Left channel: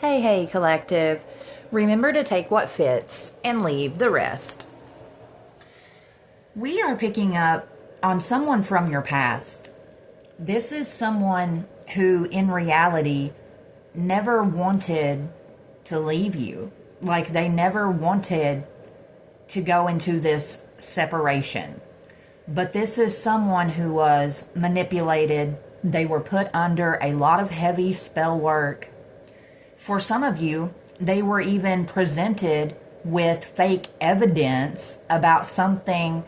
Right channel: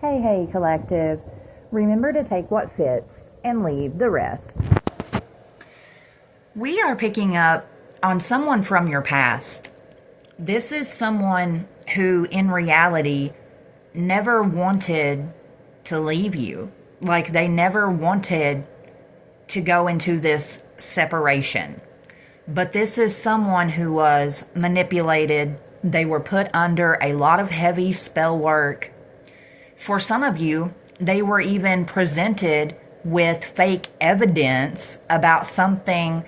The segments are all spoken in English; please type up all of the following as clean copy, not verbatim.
Hey, hey, collective. Remember to take what fits and leave the rest. We are picking up on someone from your past. This is someone who, in reality, never wanted to leave you. Like, they never wanted to go into this separation. But this is someone who was manipulated. They were put under a lot of heavy spell work. For some of you, they were even presented with fake evidence about something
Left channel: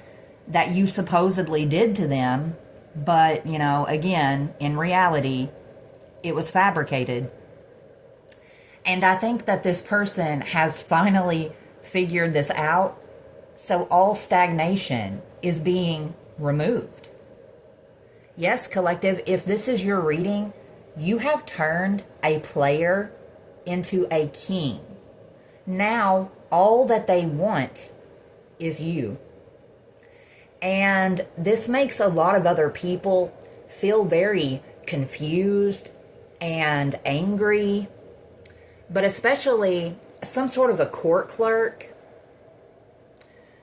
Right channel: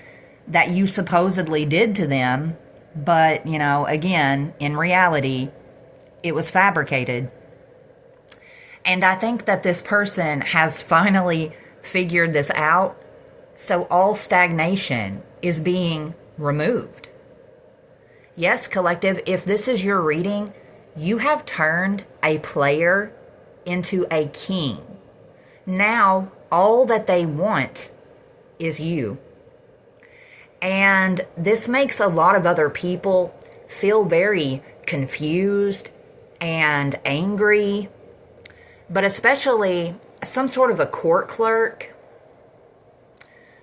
that you supposedly did to them. But, again, in reality, it was fabricated. And I think that this person has finally figured this out. So all stagnation is being removed. Yes, collective, if this is your reading, you have turned a player into a king. Now, all that they want is you. And this makes a lot of other people feel very confused and angry, but especially some sort of a court clerk.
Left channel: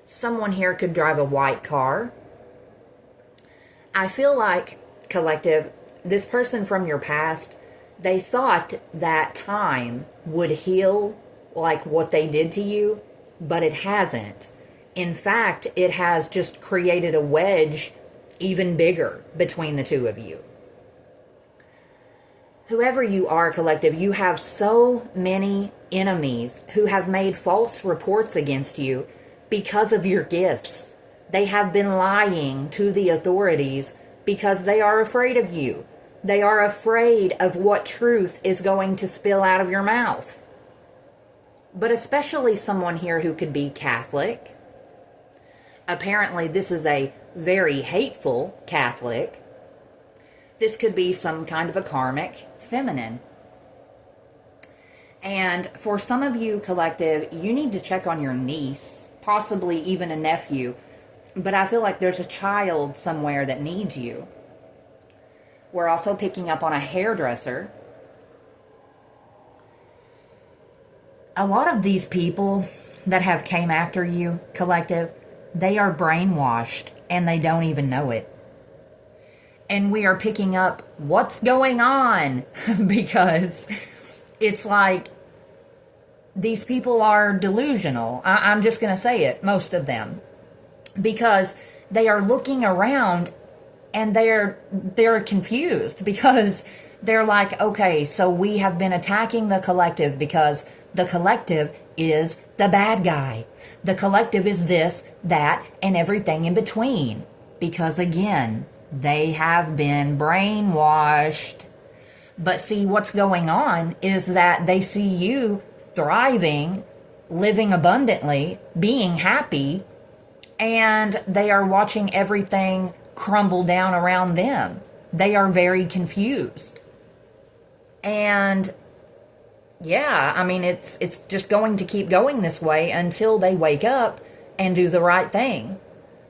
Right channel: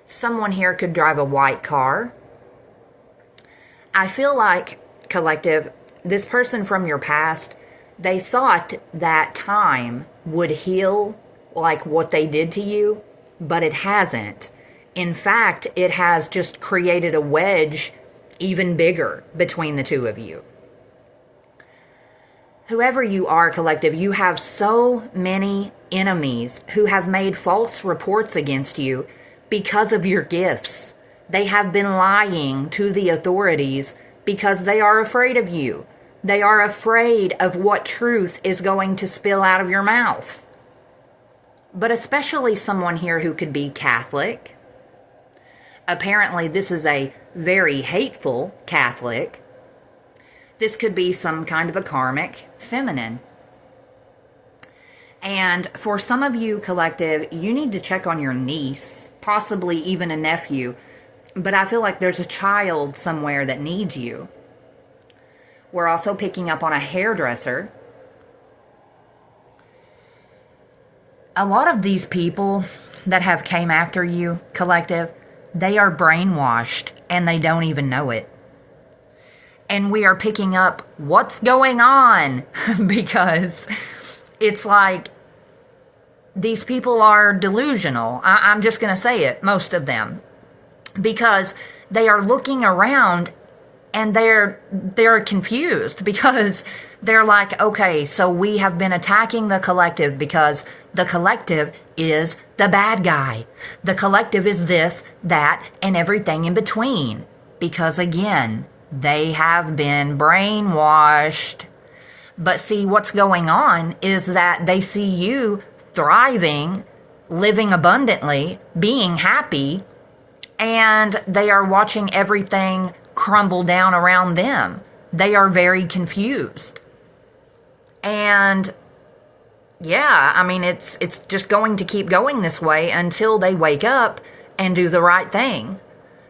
Someone here could drive a white car. I feel like, collective, this person from your past, they thought that time would heal like what they did to you, but it hasn't. In fact, it has just created a wedge even bigger between the two of you. Whoever you are, collective, you have so many enemies who have made false reports against you because of your gifts. They have been lying to the authorities because they are afraid of you. They are afraid of what truth is going to spill out of your mouth. But especially someone here who could be Catholic. Apparently, this is a very hateful Catholic. This could be some kind of a karmic feminine. And for some of you, collective, you need to check on your niece, possibly even a nephew. But I feel like there's a child somewhere that needs you. We're also picking up on a hairdresser. A lot of these people that have came after you, collective, they are brainwashed and they don't even know it. And we are picking up what's going on because it's like these people are delusional. I'm just going to say it, most of them. Because they are looking around and they're confused because they're like, okay, so we have been attacking the collective because the collective is the bad guy. The collective is this, that, and everything in between. Because again, they have been brainwashed. But see, what's going on is that they see you thriving, living abundantly, being happy, and they are watching everything crumble down around them. They are very confused. And yeah, I mean, it's just going to keep going this way until they wake up and do the right thing.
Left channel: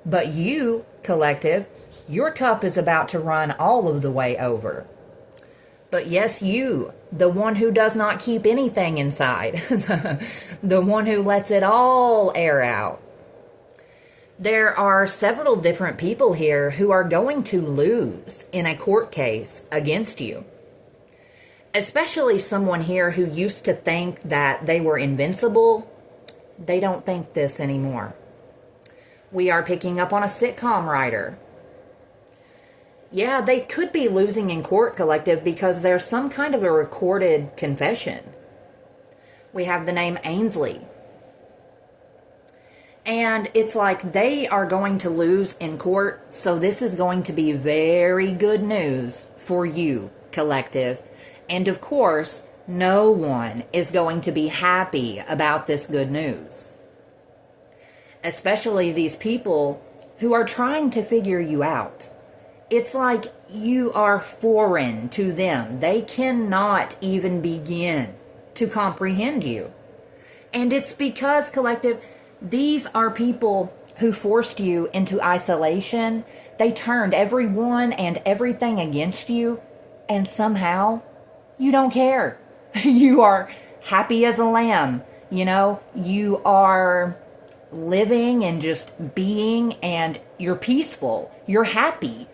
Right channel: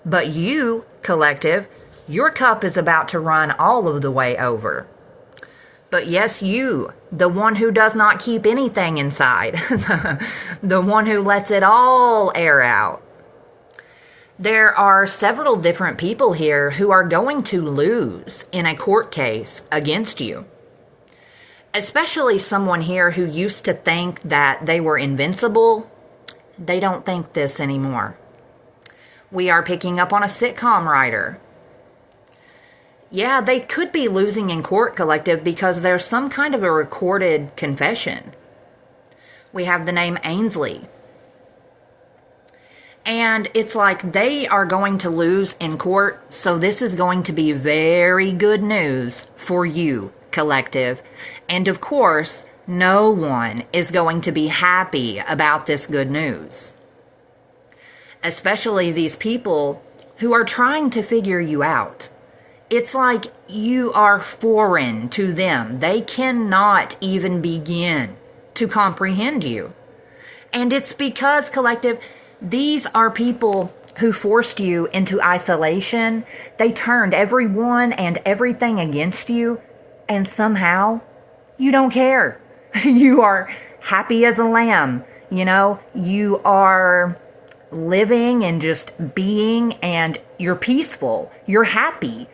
But you, collective, your cup is about to run all of the way over. But yes, you, the one who does not keep anything inside, the one who lets it all air out. There are several different people here who are going to lose in a court case against you. Especially someone here who used to think that they were invincible. They don't think this anymore. We are picking up on a sitcom writer. Yeah, they could be losing in court, collective, because there's some kind of a recorded confession. We have the name Ainsley. And it's like they are going to lose in court, so this is going to be very good news for you, collective. And of course, no one is going to be happy about this good news. Especially these people who are trying to figure you out. It's like you are foreign to them. They cannot even begin to comprehend you. And it's because, collective, these are people who forced you into isolation. They turned everyone and everything against you, and somehow you don't care. You are happy as a lamb. You know, you are living and just being, and you're peaceful. You're happy.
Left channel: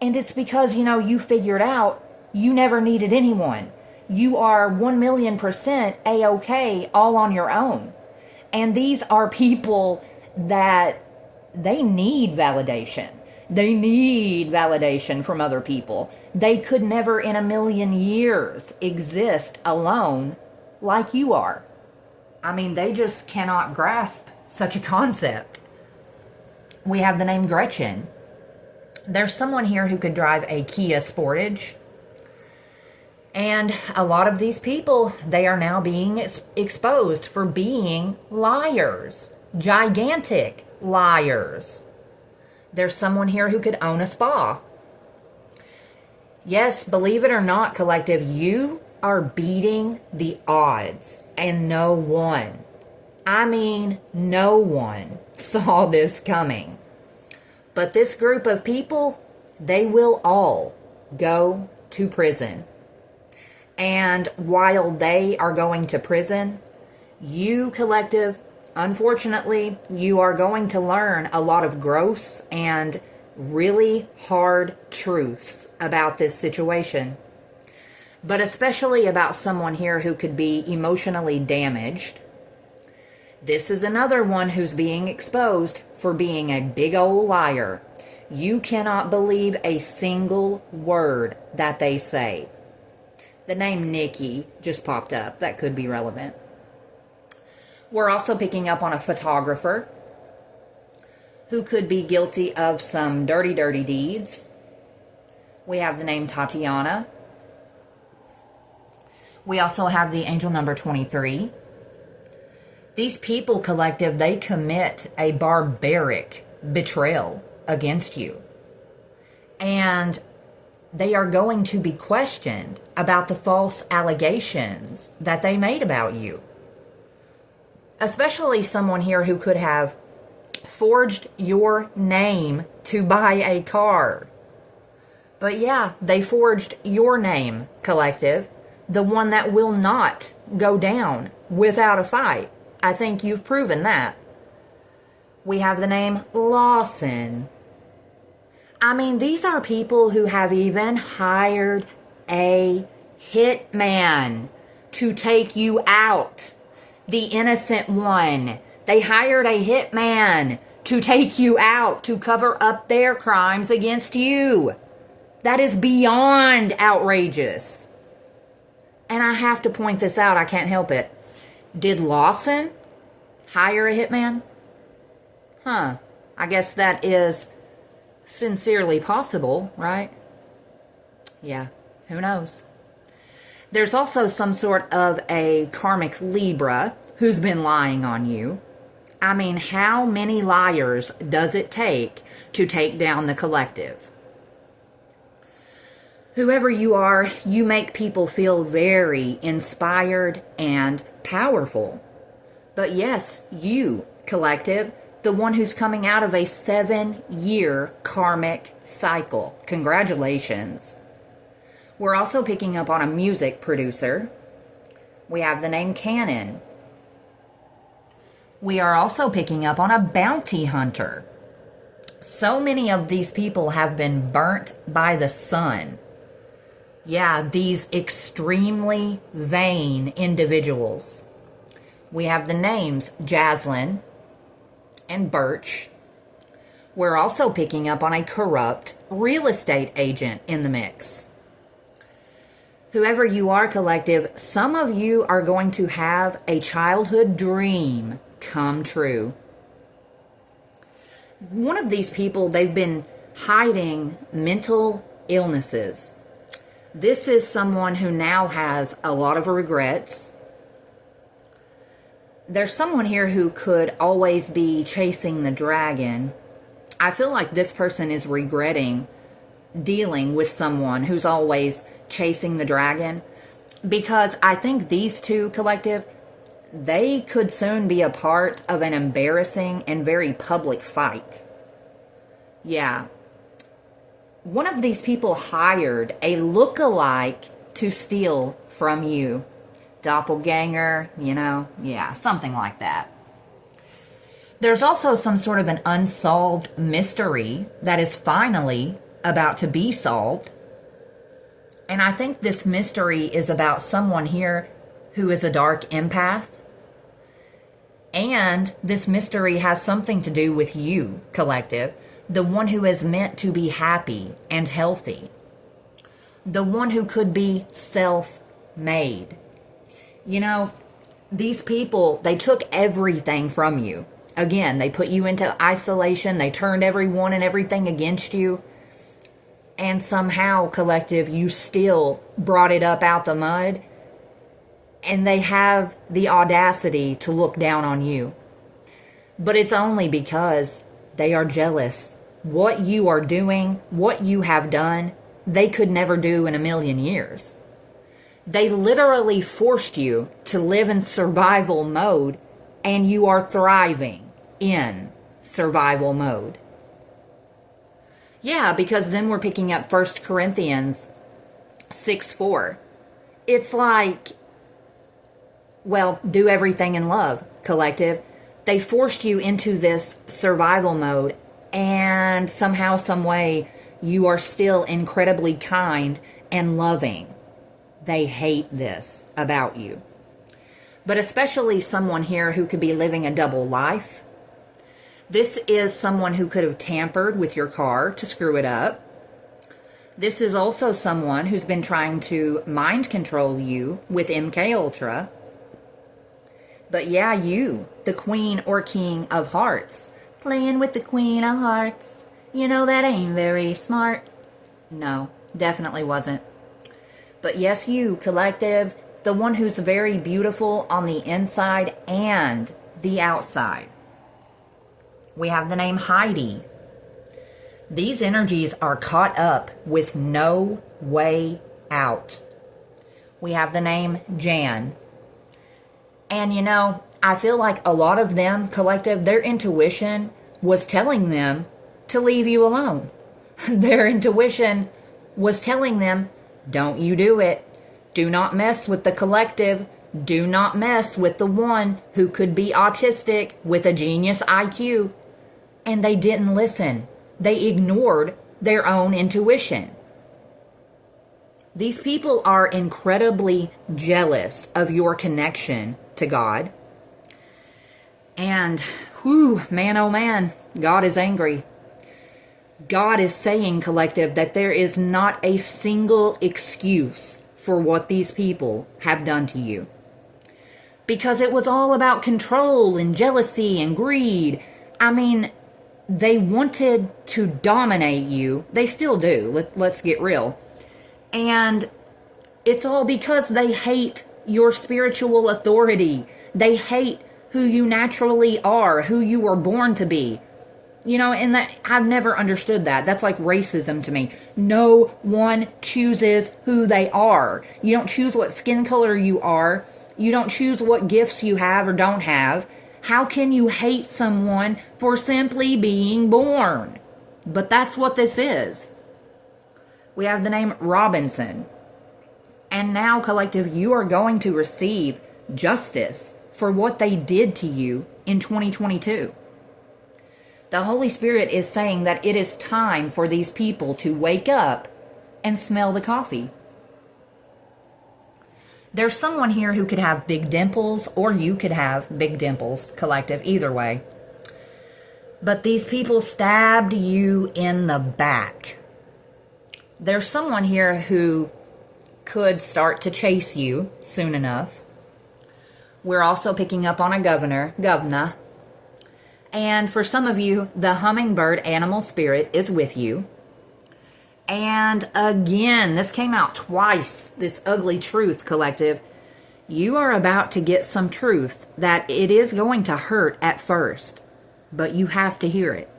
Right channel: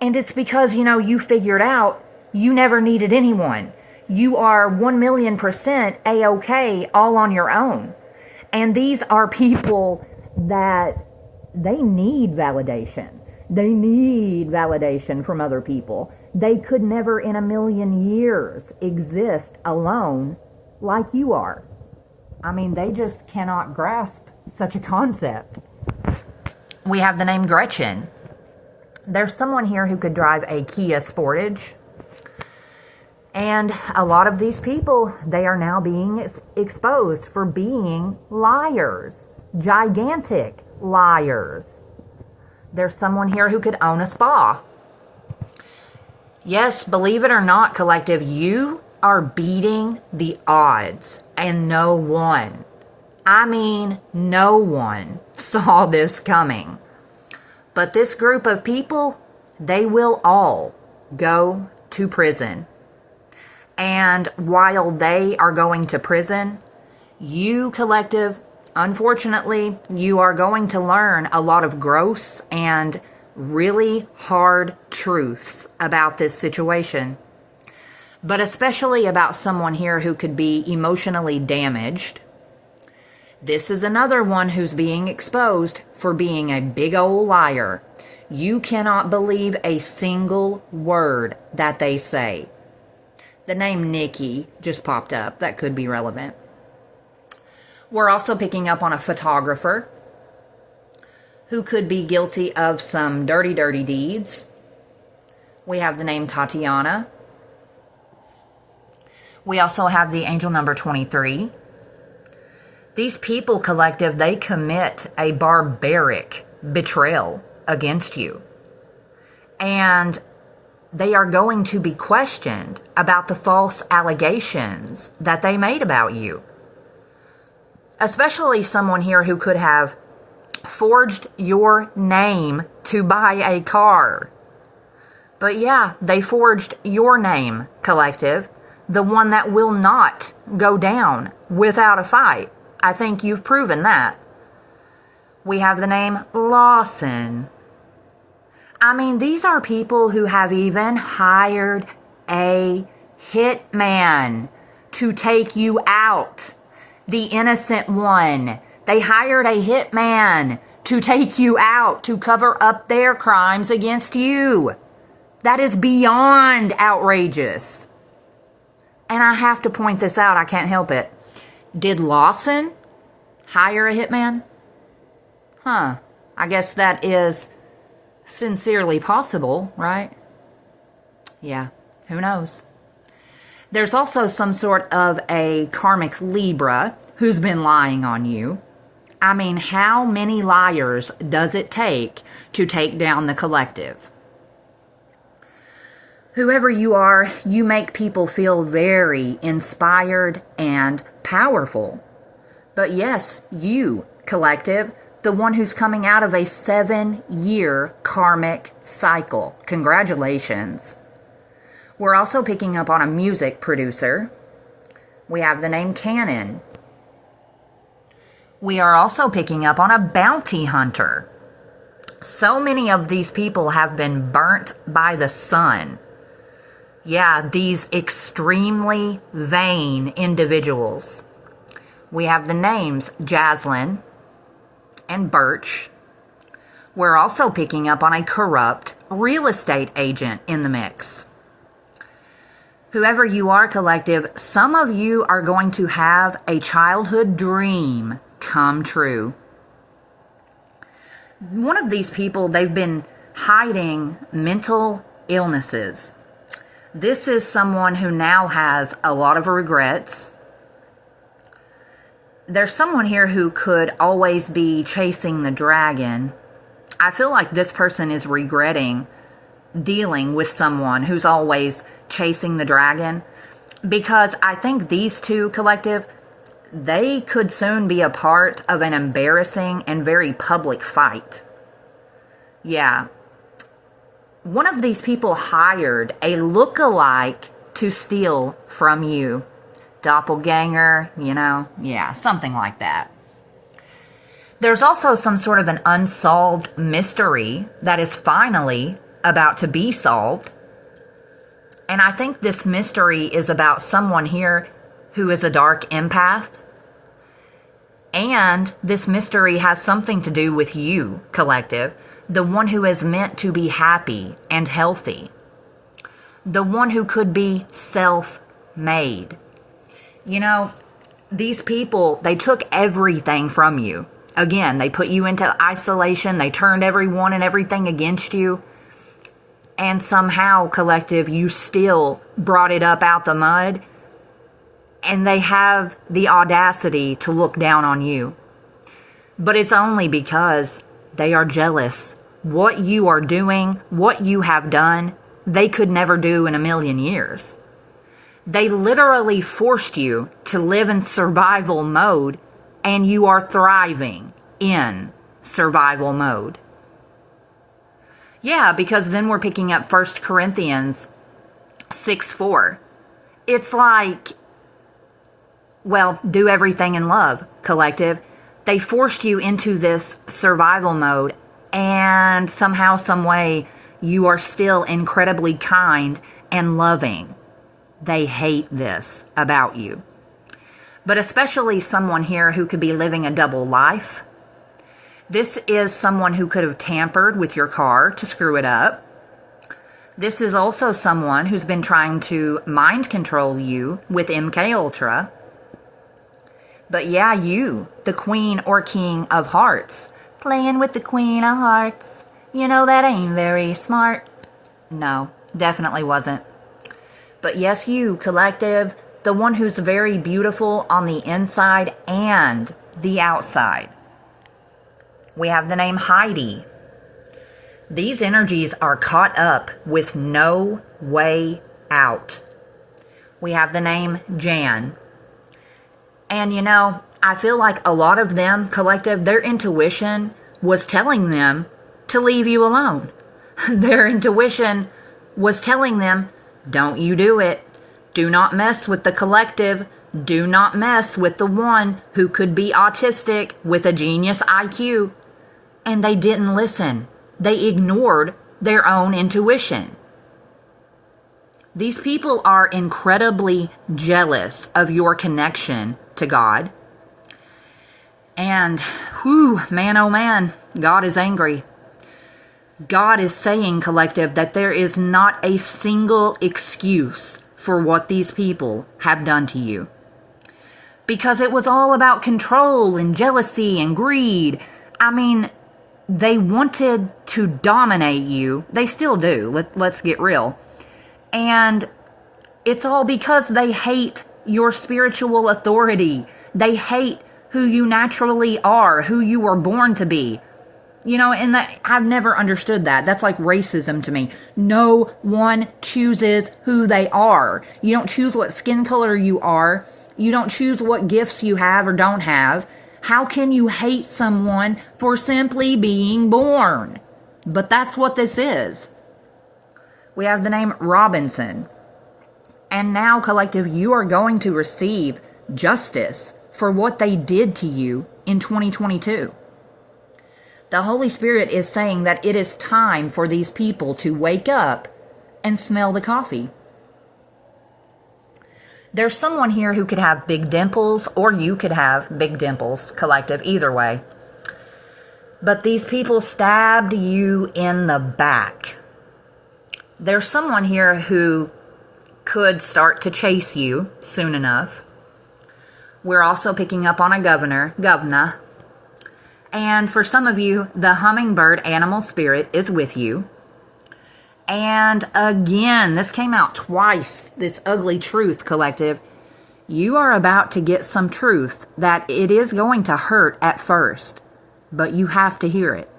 And it's because, you know, you figured out you never needed anyone. You are 1,000,000% A-OK all on your own. And these are people that they need validation. They need validation from other people. They could never in a million years exist alone like you are. I mean, they just cannot grasp such a concept. We have the name Gretchen. There's someone here who could drive a Kia Sportage. And a lot of these people, they are now being exposed for being liars. Gigantic liars. There's someone here who could own a spa. Yes, believe it or not, collective, you are beating the odds. And no one, I mean no one, saw this coming. But this group of people, they will all go to prison. And while they are going to prison, you, collective, unfortunately, you are going to learn a lot of gross and really hard truths about this situation. But especially about someone here who could be emotionally damaged. This is another one who's being exposed for being a big old liar. You cannot believe a single word that they say. The name Nikki just popped up. That could be relevant. We're also picking up on a photographer who could be guilty of some dirty, dirty deeds. We have the name Tatiana. We also have the angel number 23. These people, collective, they commit a barbaric betrayal against you. And they are going to be questioned about the false allegations that they made about you. Especially someone here who could have forged your name to buy a car. But yeah, they forged your name, collective. The one that will not go down without a fight. I think you've proven that. We have the name Lawson. I mean, these are people who have even hired a hitman to take you out. The innocent one. They hired a hitman to take you out, to cover up their crimes against you. That is beyond outrageous. And I have to point this out. I can't help it. Did Lawson hire a hitman? I guess that is sincerely possible, right? Yeah, who knows? There's also some sort of a karmic Libra who's been lying on you. I mean, how many liars does it take to take down the collective? Whoever you are, you make people feel very inspired and powerful. But yes, you, collective, the one who's coming out of a 7-year karmic cycle. Congratulations. We're also picking up on a music producer. We have the name Cannon. We are also picking up on a bounty hunter. So many of these people have been burnt by the sun. Yeah, these extremely vain individuals. We have the names Jaslyn and Birch. We're also picking up on a corrupt real estate agent in the mix. Whoever you are, collective, some of you are going to have a childhood dream come true. One of these people, they've been hiding mental illnesses. This is someone who now has a lot of regrets. There's someone here who could always be chasing the dragon. I feel like this person is regretting dealing with someone who's always chasing the dragon, because I think these two, collective, they could soon be a part of an embarrassing and very public fight. Yeah. One of these people hired a look-alike to steal from you. doppelganger, yeah, something like that. There's also some sort of an unsolved mystery that is finally about to be solved. And I think this mystery is about someone here who is a dark empath. And this mystery has something to do with you, collective, the one who is meant to be happy and healthy, the one who could be self-made. These people, they took everything from you. Again, they put you into isolation. They turned everyone and everything against you. And somehow, collective, you still brought it up out the mud. And they have the audacity to look down on you. But it's only because they are jealous. What you are doing, what you have done, they could never do in a million years. They literally forced you to live in survival mode, and you are thriving in survival mode. Yeah, because then we're picking up 1 Corinthians 6:4. It's like, well, do everything in love, collective. They forced you into this survival mode, and somehow, some way, you are still incredibly kind and loving. They hate this about you. But especially someone here who could be living a double life. This is someone who could have tampered with your car to screw it up. This is also someone who's been trying to mind control you with MK Ultra. But yeah, you, the queen or king of hearts, playing with the queen of hearts. That ain't very smart. No, definitely wasn't. But yes, you, collective, the one who's very beautiful on the inside and the outside. We have the name Heidi. These energies are caught up with no way out. We have the name Jan. And I feel like a lot of them, collective, their intuition was telling them to leave you alone. Their intuition was telling them, don't you do it. Do not mess with the collective. Do not mess with the one who could be autistic with a genius IQ. And they didn't listen. They ignored their own intuition. These people are incredibly jealous of your connection to God. And, man, oh man, God is angry. God is saying, collective, that there is not a single excuse for what these people have done to you. Because it was all about control and jealousy and greed. I mean, they wanted to dominate you. They still do. Let's get real. And it's all because they hate your spiritual authority. They hate who you naturally are, who you were born to be. And that I've never understood that. That's like racism to me. No one chooses who they are. You don't choose what skin color you are. You don't choose what gifts you have or don't have. How can you hate someone for simply being born? But that's what this is. We have the name Robinson. And now, collective, you are going to receive justice for what they did to you in 2022. The Holy Spirit is saying that it is time for these people to wake up and smell the coffee. There's someone here who could have big dimples, or you could have big dimples, collective, either way. But these people stabbed you in the back. There's someone here who could start to chase you soon enough. We're also picking up on a governor. And for some of you, the hummingbird animal spirit is with you. And again, this came out twice, this ugly truth, collective. You are about to get some truth that it is going to hurt at first, but you have to hear it.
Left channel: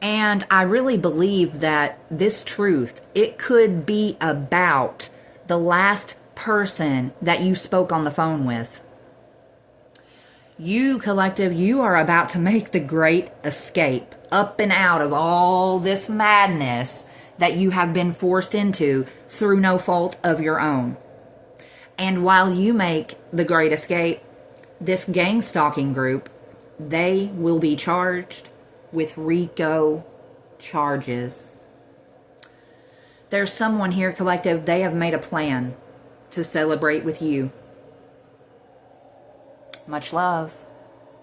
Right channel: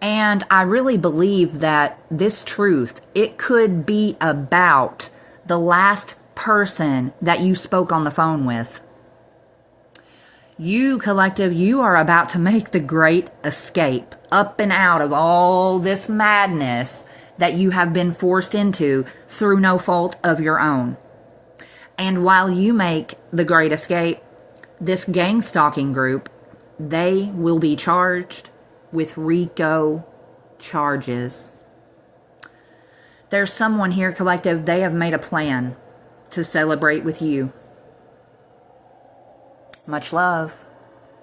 And I really believe that this truth, it could be about the last person that you spoke on the phone with. You, collective, you are about to make the great escape up and out of all this madness that you have been forced into through no fault of your own. And while you make the great escape, this gang stalking group, they will be charged with RICO charges. There's someone here, collective, they have made a plan to celebrate with you. Much love.